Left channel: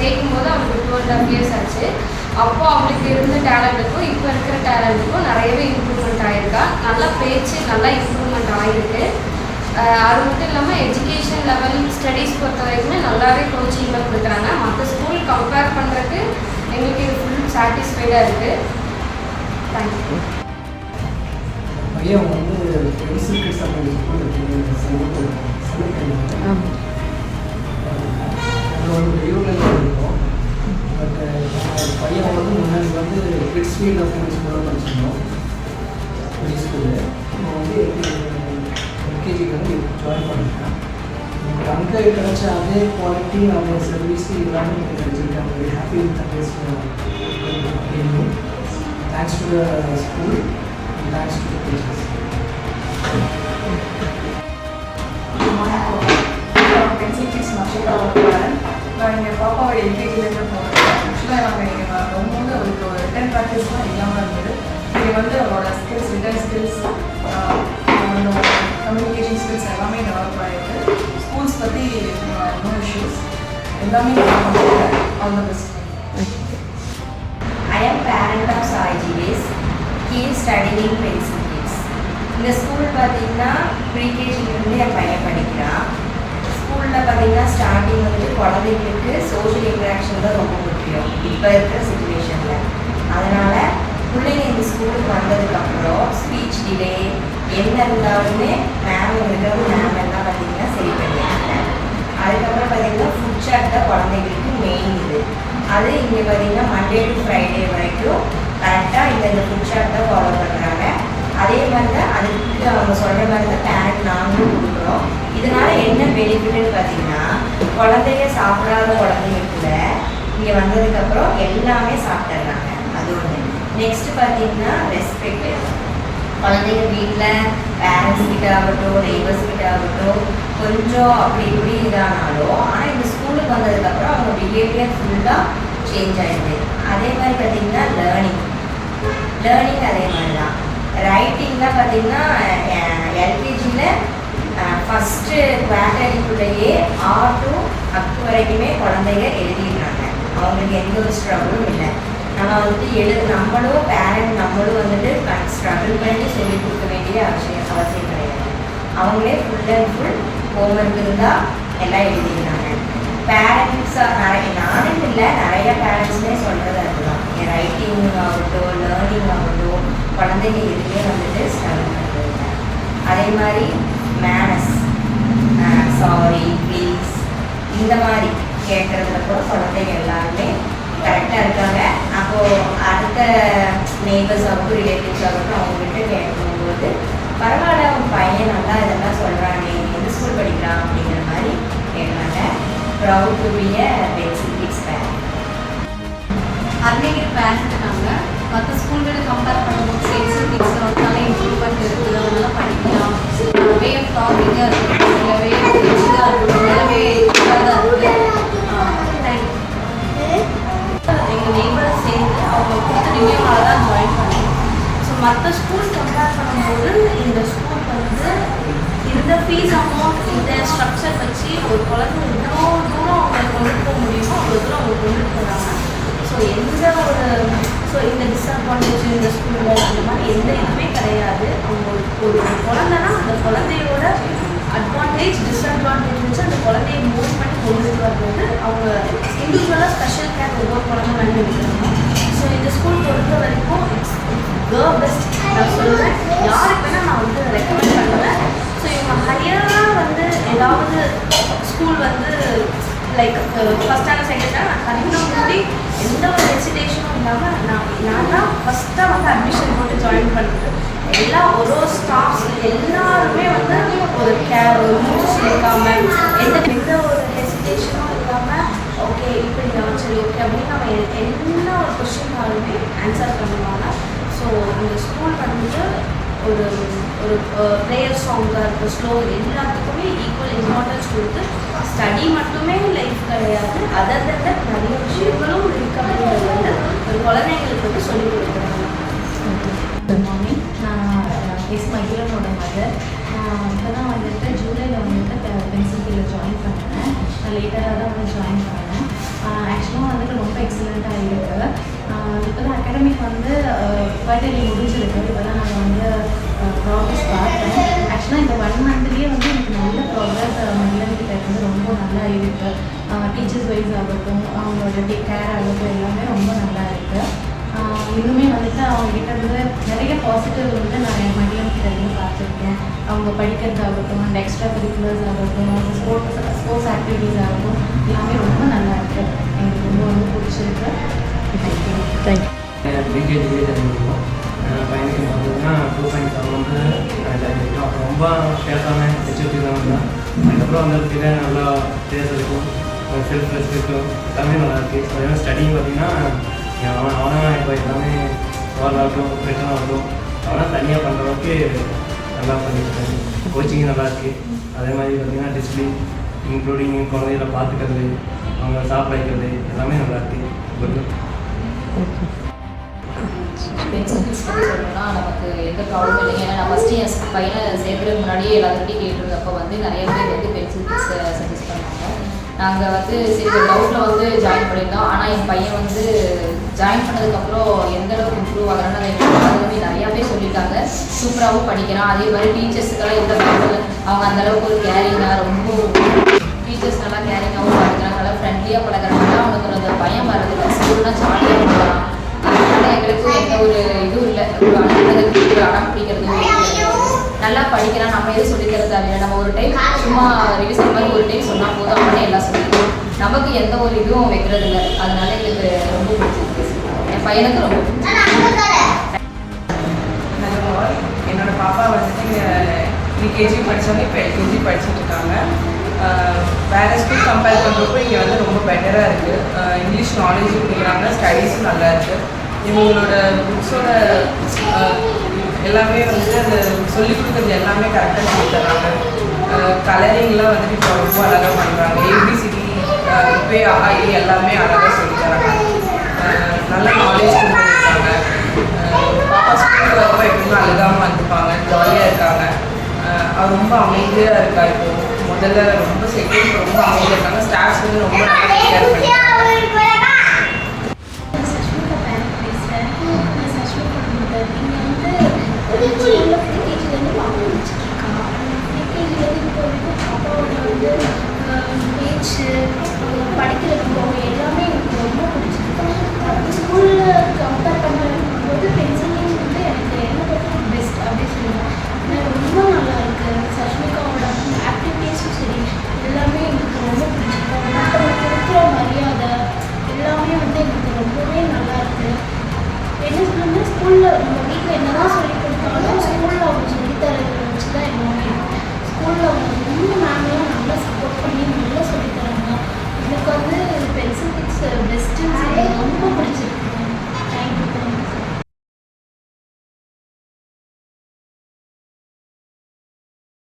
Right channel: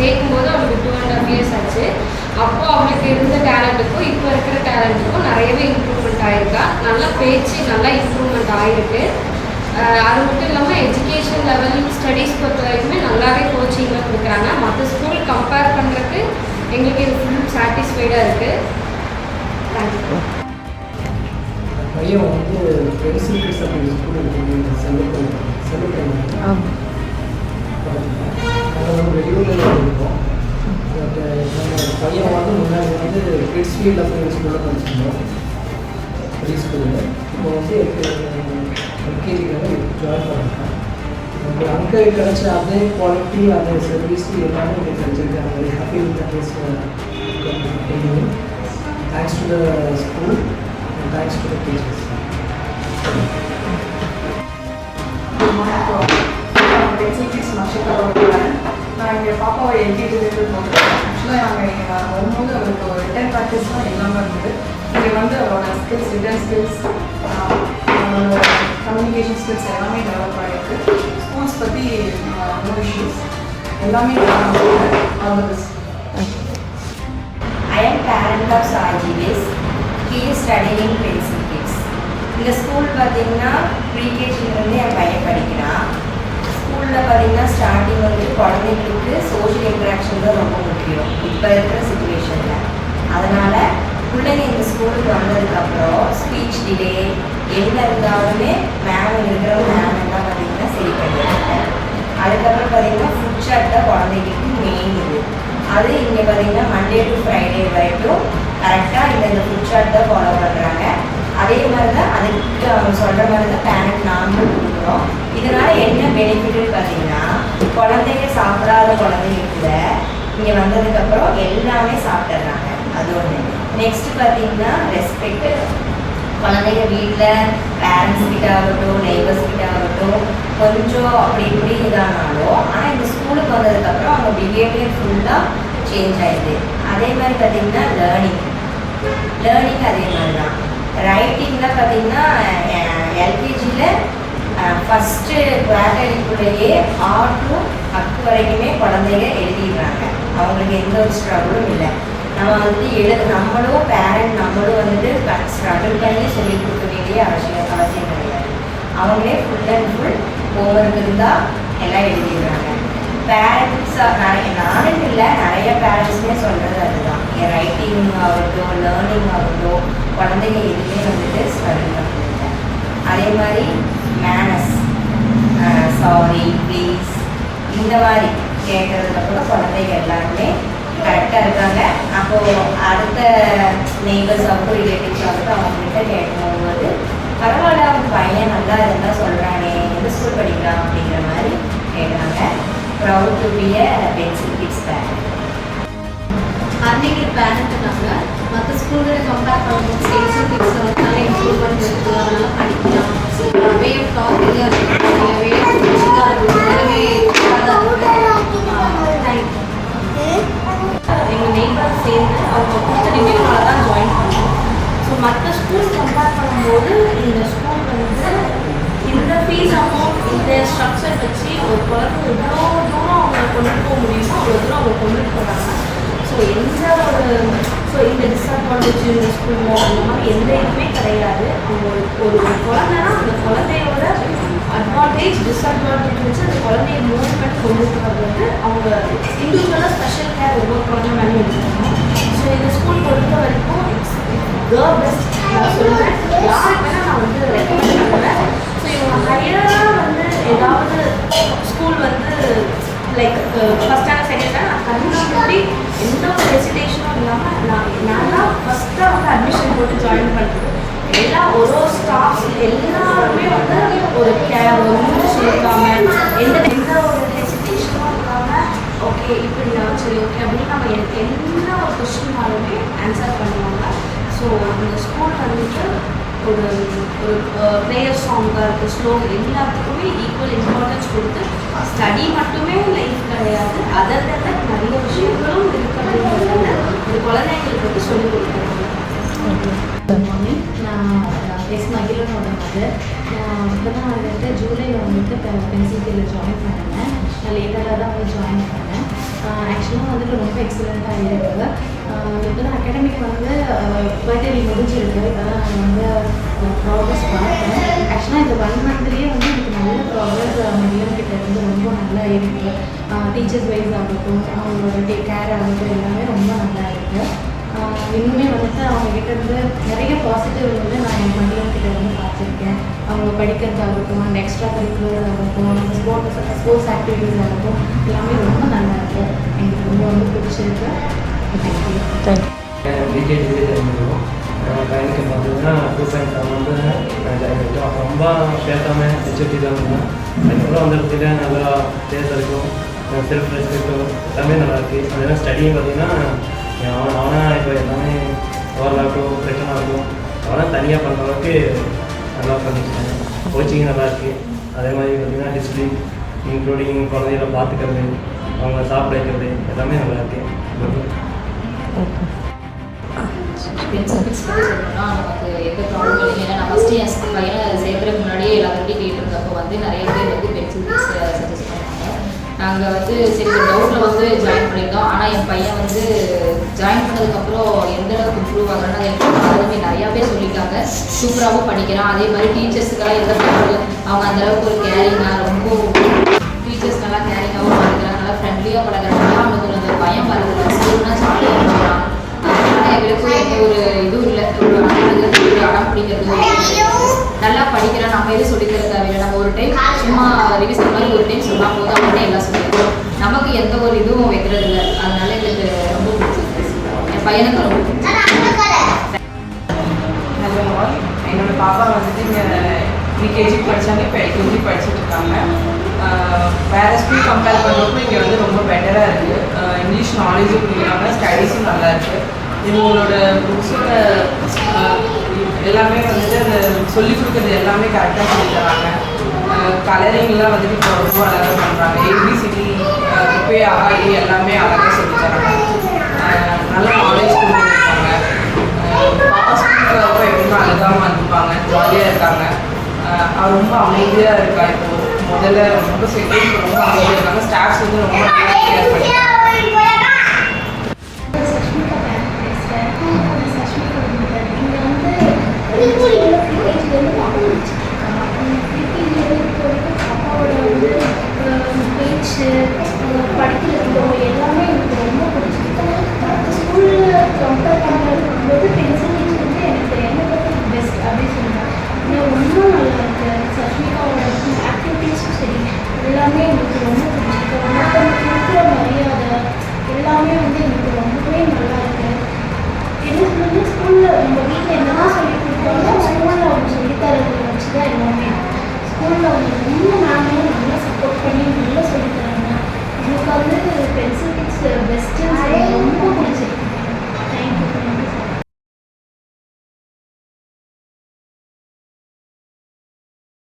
சேர்க்கும் போது அவளுக்கு 2.5 years ஆச்சு. அப்போ அவளுக்கு இருந்த டேலண்ட்டுக்கும் இப்போ இருக்கிற டேலண்ட்டுக்கும் நிறையவே இம்ப்ரூவ்மெண்ட் ஆகிருக்கா. நல்லா பேச்சு நல்லா இம்ப்ரூவ்மெண்ட் ஆகிருக்கு. அது மட்டும் இல்லாமல் எஜுகேஷன் லெவல் ஸ்டடீஸ் பொறுத்த வரைக்குமே நல்லாவே கோச்சிங்லாம் கொடுக்குறாங்க. மற்ற ஸ்கூல் கம்பேர் பண்ணுறதுக்கு எங்களுக்கு இது ஃபுல் சாட்டிஸ்ஃபைடாக இருக்குது. தேங்க்யூ. பையன் வந்து பென்சில் ஸ்கூல் இருக்கும். பையன் வந்து முன்னாடி வந்து கிட்ஸ் ஃபீல்ட் ஆஃப் ஸ்கூலில் தான் வச்சுருந்தோம் ப்ரீ ஸ்கூலில். இப்போ வந்து எல்கேஜிக்கு வந்து ஜாயின் பண்ணிட்டேன். நம்ம அங்கே கிடச்ச அதே குவாலிட்டி அந்த சர்வீஸ் எல்லாமே வச்சுருக்காங்க. Happy thanks to the school, thanks to the teachers. நான் எங்கள் பாப்பாவை எல்கேஜிலேருந்து போனேன். ஆக்சுவலாக அவங்க வரும்போது அவருக்கு ஒரு ரிட்டன் ப்ராக்டிஸ் தான் இல்லாமல் இருந்தது. இங்கே வந்து அவரோட ஸ்கில்ஸ், ரிட்டன் ஸ்கில்ஸ், அவரோட கம்யூனிகேஷன் ஸ்கில்ஸ் எல்லாமே டெவலப் ஆகிருக்கு. ஸ்கூல்ஸ் பற்றி நோ இஷ்யூஸ், எல்லாமே always. I am parent of Sajivis. He is studying Pencil Kids. இந்த ஸ்கூல் பார்த்தீங்கன்னா ப்ரீகேஜிலேருந்து என் பையன் படிக்கிறான். ஸ்கூலில் பார்த்தீங்கன்னா ஸ்டார்டிங் வந்துட்டு குழந்தைங்களுக்கு சோஷியல் இன்ட்ராக்ஷன் தான் ரொம்ப முக்கியம் இப்போ இருக்கிற சுச்சுவேஷனில். அதனால் பிள்ளைங்க இந்த ஸ்கூலுக்கு வந்ததுக்கப்புறம் ஸ்பீச் டிலே என்ன இருந்தாலுமே மேம் இருக்கிற மேம் எல்லாம் பார்த்தீங்கன்னா சரி பண்ணிடுறாங்க. அதுக்கப்புறம் பார்த்தீங்கன்னா ஃபுட் சாட் தான் குழந்தைங்களுக்கு மெயின் இது. அது இங்கே பார்த்தீங்கன்னா மண்டே டு ஃப்ரைடே வரைக்கும் கரெக்டாக இந்த ஃபுட் சாட் தான் ஃபாலோ பண்ணுறாங்க. அதே மாதிரி தான் அதுக்கு அவங்க சொல்கிற மாதிரி தான் பேரண்ட் நாங்களும் கொடுக்குறோம். இதனால் என்ன பெனிஃபிட்னு பார்த்தீங்கன்னா குழந்தைங்க சாப்பிடாத குழந்தைங்க இங்கே வந்ததுக்கப்புறம் எல்லாமே சாப்பிட்டுறாங்க. அது ஒன்று. நெக்ஸ்ட் பார்த்தீங்கன்னா ரெஸ்பெக்ட். குழந்தைங்க வீட்டில் பேரண்ட்ஸ் கிட்ட ஆகட்டும், நெய்பர்ஸ் கிட்ட ஆகட்டும் கொஞ்சம் அப்படி இப்படி இதானாலும், ஆனால் இந்த ஸ்கூலுக்கு வந்ததுக்கப்புறம் அவங்க பிஹேவியர் ஃபுல்லாக சேஞ்ச் ஆகிடுது. அதே மாதிரி பார்த்தீங்கன்னா லேர்னிங் அதே மாதிரி தான். ரைட்டிங்கில் பார்த்தீங்கன்னா எல்கேஜியில் ஃபஸ்ட்டு குவார்டர்லிக்குள்ளேயே R to Up வரைக்குமே குழந்தைங்க எழுதிடுறாங்க. அவங்களுக்கு எந்த ஒரு ஸ்ட்ரகிளும் இல்லை. நம்ம வந்துட்டு நம்மளும் பேரண்ட் நம்மளும் வந்துட்டு ஸ்ட்ரகிள் பண்ணி சொல்லி கொடுக்க வேண்டிய அவசியம் கிடையாது. அவங்களே ஃபுல் அண்ட் ஃபுல் ஹோம்ஒர்க் இருந்தால் எல்லாம் எழுதிடுறாங்க. பேரண்ட்ஸாக நானும் இல்லை, நிறைய பேரண்ட்ஸுமே சொல்கிறது அதுதான். ரைட்டிங் ஆகட்டும், லேர்னிங் ஆகட்டும், குழந்தைங்க எதுவுமே வந்துட்டு ஸ்ட்ரகிள் பண்ணுறதில்ல. அதே மாதிரி மேனஸ், சாரி, ப்ளீஸ் இந்த மாதிரி கேட்குறதுல கூட குழந்தைங்க எல்லாருமே கரெக்டாக இருக்காங்க. அப்போது அடுத்த நெய்பர்ஸ் ஆகட்டும், ரிலேட்டிவ்ஸ் ஆகட்டும் அவங்ககிட்ட கேட்கும்போது பரவாயில்ல அவங்க பையன் நல்லா இதெல்லாம் சொல்கிறானே, எந்த ஸ்கூல் படிக்கலாம் அப்படிங்கிற மாதிரி கேட்குறாங்க. Proud to be a pencil kids parent. அன்னைக்கு பேரண்ட் இருக்காங்க. மற்ற ஸ்கூலோட கம்பேர் பண்ணும்போது பென்சில் கிட்ஸ் நல்லா இம்ப்ரூவ்மெண்ட் இருக்குது. அதனால படிக்கலாம். வே ஆஃப் டாக்கிங்காக இருக்குது, இல்லை வே ஆஃப் டீச்சிங்காக இருக்குது, எல்லாமே தான் இருக்குது. எங்கள் நெய்பர் சேர்ந்து அவங்க ரிவ்யூவாக தான் ஜாயின் பண்ணோம். ஸோ மற்ற ஸ்கூல்ஸ் கம்பேர் பண்ணும்போது இந்த ஸ்கூல் வந்து இந்த ஃபீஸ் அமௌண்ட் இந்த ஸ்ட்ரக்சர் வச்சு ஒரு குழந்தை எவ்வளோ தூரம் அவங்க கொண்டு போக முடியுமோ அவ்வளோ தூரம் அவங்க கொண்டு போகிறாங்க. ஸோ இந்த டிஸ்அட்வான்டேஜ் இந்த ஸ்கூலில் அந்த மாதிரி எந்த இதுவுமே கிடையாது. அவங்க ஒரு குழந்தைனா அந்த குழந்தையோட அட்வான்டேஜ் டிஸ்அட்வான்டேஜ் வச்சு அந்த குழந்தைய மூவ் பண்ணி கொண்டு வர்றது அவங்க இண்டிவிஜுவலாக ஸ்பெஷல் கேர் ஒவ்வொரு குழந்தை மாதிரி இருக்காங்க. ஸோ இந்த ஸ்கூல் பொறுத்த வரைக்கும் இட்ஸ் த பெஸ்ட் நான் சொல்லுவேன். யாருக்குன்னா நான் வந்து ரெக்கமெண்ட் பண்ணுவேன். ஸோ இவங்க ஹையராக வந்து ஏதாவது ஸ்கூல் வந்து like first standard second standard நான் கண்டிப்பாக எந்த ஒரு ஹெசிடேஷனும் இல்லாமல் நான் ஃபஸ்ட்டாக வந்து அட்மிஷன் போட்டு ஜாயின் பண்ணுறது எல்லாம் ஒரு ஸ்டாஃப்ஸ் எல்லாருமே வந்து ஒரு கேர் ஒரு மூச்சு இருக்காமல் எந்த ஒரு ஹெசிடேஷனும் இல்லாமல் ஓகே இப்படி நான் சரி ஓகே அப்படின்னு நம்ம எல்லா ஒரு கொஸ்டின்னாலுமே ஆன்சர் பண்ணுவாங்க. ஸோ இந்த ஸ்கூல் வந்துட்டு ஒரு ப்ரேயர் சாங்காக இருக்குது, ஸ்லோகன் எல்லாத்துக்குமே ஈக்குவல் இம்பார்ட்டன்ஸ் கொடுத்து ஸ்டடி மட்டுமே லைஃப் கிடையாது, அதர் தன் நிறைய விஷயங்களும் இருக்குது அப்படிங்கிறது இந்த குழந்தைங்களுக்கு வந்து சொல்லிக் கொடுக்குறாங்க. நான் எஸ் மகிழனோட மதர். இப்போ தான் வந்துட்டு ஜூலையில் வந்துட்டு பென்சில் கீழே ஜாயின் பண்ணேன். நான் லேட்டராக தான் வந்து ஜாயின் பண்ணேன். ஆக்சுவலாக ப்ரெசென்ட்டாக இருக்குது. இப்போ தான் அகாடமிக் வந்து குவார்டர்லி முடிஞ்சிருக்கு. இப்போ தான் நான் வந்து ப்ராக்ரஸ் பார்த்தேன். ஆக்சுவலாக இந்த 1 மந்த்லேயே வந்து எனக்கு நல்ல ப்ராக்ரஸ் மதியானக்கிட்ட இருந்து ரொம்ப நல்லா இருக்குது. டீச்சர்ஸ் வைஸ் ஆகட்டும், அவங்களோட கேர் ஆகட்டும், எல்லாமே ரொம்ப நல்லா இருக்குது. இன்னுமே வந்துட்டு அவங்ககிட்ட இருந்து நிறைய பாசிட்டிவ் வந்து நான் என் மதியானக்கிட்ட இருந்து பார்த்துருக்கேன். அவங்க படிக்கிறதாகட்டும், அந்த எக்ஸ்ட்ரா கரிக்குலர்ஸ் ஆகட்டும், ஸ்போர்ட்ஸ் ஆக்டிவிட்டீஸ் ஆகட்டும், எல்லாமே ரொம்ப நல்லா இருக்குது. எனக்கு ரொம்ப வந்து பிடிச்சிருக்கு. தேங்க்யூ. பிகே டிகிரி தெரிஞ்சுக்கணும். பையனுக்கு பார்த்தீங்கன்னா 2.7 ரொம்ப கேட்டான மெச்சூரிட்டி தான் இருந்தேன். அதுக்கப்புறம் வந்ததுக்கு நல்லா பேசுறதுக்கும் செல்ஃப் ரெஸ்பெக்டும் எல்லாமே நல்லா இருக்குது. அதே ஸ்டடியும் பார்த்தீங்கன்னா அவனாக இப்போ எல்லாமே ஓரளவுக்கும் பிரச்சனை இருக்கும். அவனால் தனியாக பண்ணுற அளவுக்கு நல்லா பண்ணிருக்கேன். கோச்சிங் நல்லா இருக்குது. அதே மாதிரி பார்த்திங்கன்னா டிசிப்ளின் இன்க்ளூடிங் குழந்தைகளை பார்த்துக்கிறது, அவங்க சாப்பிட வைக்கிறது எல்லாமே நல்லா இருக்குது. பென்சில்ஸ் பற்றி சொல்லணும்னா நமக்கு எந்த ப்ராப்ளம் இல்லைங்க. ஏன்னா நான் ஃபஸ்ட்டு என் பையனை சேர்க்குறதுக்கு முன்னாடியே எல்லாருக்கிட்டையும் கேட்டிருந்தப்போ வந்து நிறைய பேர் வந்து பென்சில் பிக்ஸ் சஜஸ்ட் பண்ணாங்க. நாங்கள் வந்து சரி ஒரு டவுட்டில் வந்து ஜாயின் பண்ணியிருந்தோம். ஆனால் என் பையன் வந்து ஜாயின் பண்ணதுக்கப்புறம் எந்த அளவுக்கு இம்ப்ரூவ் ஆகிறான்னு அதை நிறையா பேர் சொல்லியிருக்காங்க. சூப்பராகவும் படிக்கிறான். அதே மாதிரி டீச்சர்ஸுக்கெல்லாம் எந்த ப்ராப்ளம் அவங்க அந்தளவுக்கு ஒரு கேரிங்காக ரொம்ப டீச்சர்ஸ் நல்லா கேரிங்காகவும் படிக்கிறாங்க. நல்லா ஃப்ரெண்ட்லியாக பழகிறாங்க. அவனுக்கு கொஞ்சம் பயம் வருது. ஸ்கூல்னா ஜாலியாக இருக்கலாம். எங்களுக்கு எந்த ஒரு இதுவும் இல்லை. ஒரு அனுப்புறது அடம் பிடிக்கிறது நல்லா படிக்கிறான். நம்ம எதுவும் சொல்லித்தர தேவையில்லை. நம்ம ஒரு டைம் சும்மா ரிவிஷன் மாதிரி ஒரு டைம் சொன்னால் போதும், அவனே எல்லாம் சொல்லிக்கிறோம். நமக்கு எந்த ஒரு இதுவும் வைக்கிறது இல்லை. அதனால எங்களுக்கு ரொம்ப பிடிச்சிருக்கு. என் பையனுக்கு ரொம்ப என்னோட பாப்பா வந்துட்டு இங்கே ப்ரீகேஜி படித்தாங்க, இப்போ எல்கேஜி படிச்சுட்டு இருக்காங்க. வேறு ஸ்கூல் கம்பேர் பண்ணுறப்போ இங்கே வந்து ரொம்ப பெட்டராக இருக்குது. இங்கிலீஷ் நாலேஜும் கொடுக்குறாங்க, ஸ்டடீஸும் நல்லா இருக்குது. இவங்களோட புக்ஸோட எல்லாமே வந்துட்டு அந்த சொல்லிக் கொடுக்குறது எல்லாமே கரெக்டாக சொல்லி தராங்க. கலரிங்லாம் வந்துட்டு இப்போ ரொம்ப அழகாக பண்ணுறாங்க. ஏபிசிடி இப்போ அகாடி எல்லாமே அழகாக சொல்லி தராங்க. நல்ல நாலேஜ் கொடுத்துருக்காங்க. பாப்பா ஸ்கூலில் ரொம்ப எப்படிமா அழகாக வந்துருப்பாங்க, ஜாலியாக இருக்காங்க. அவர் ரொம்ப அமைதியாக இருக்கா. இப்போது முதல்ல ரொம்ப செகண்ட் ரொம்ப அமைதியாக இருக்காங்க. ஸ்டாஃப்ஸ் வந்து ரொம்ப கேர் பண்ணியிருக்காங்க. படிக்கிறது எல்லாமே எனக்கு ரொம்ப பிடிச்சிருக்கு. ஸ்கூலில் கம்பேர் பண்ணும்போது பென்சில் வந்து எனக்கு என்ன பற்றி பெஸ்ட் அப்படின்னு சொல்லுவேன். ரொம்ப நல்லா இருக்கு. சஷ்மிகாவோட ஆக்டிவிட்டீஸும் சரி எல்லாமே எனக்கு ரொம்ப பிடிச்சிருக்கு. மற்றவங்களுக்கு இருக்கிற மரியாதை எல்லாமே வந்து எனக்கு ரொம்பவே நல்லா இருக்கு. எனக்கு வந்து ஸ்கூலில் நம்ம வீட்டில் என்னதான் சொல்லி கொடுத்தாலும் ஸ்கூலில் அவங்க சொல்லித்தரதை வச்சு தான் எல்லாமே. ஸ்கூலில் அவங்க ரொம்ப மேம்லாம் நல்லா சப்போர்ட் பண்ணி நல்லா சொல்லித்தராங்க. எனக்கு வந்து பென்சில் கிட்ஸ் பெஸ்ட்டு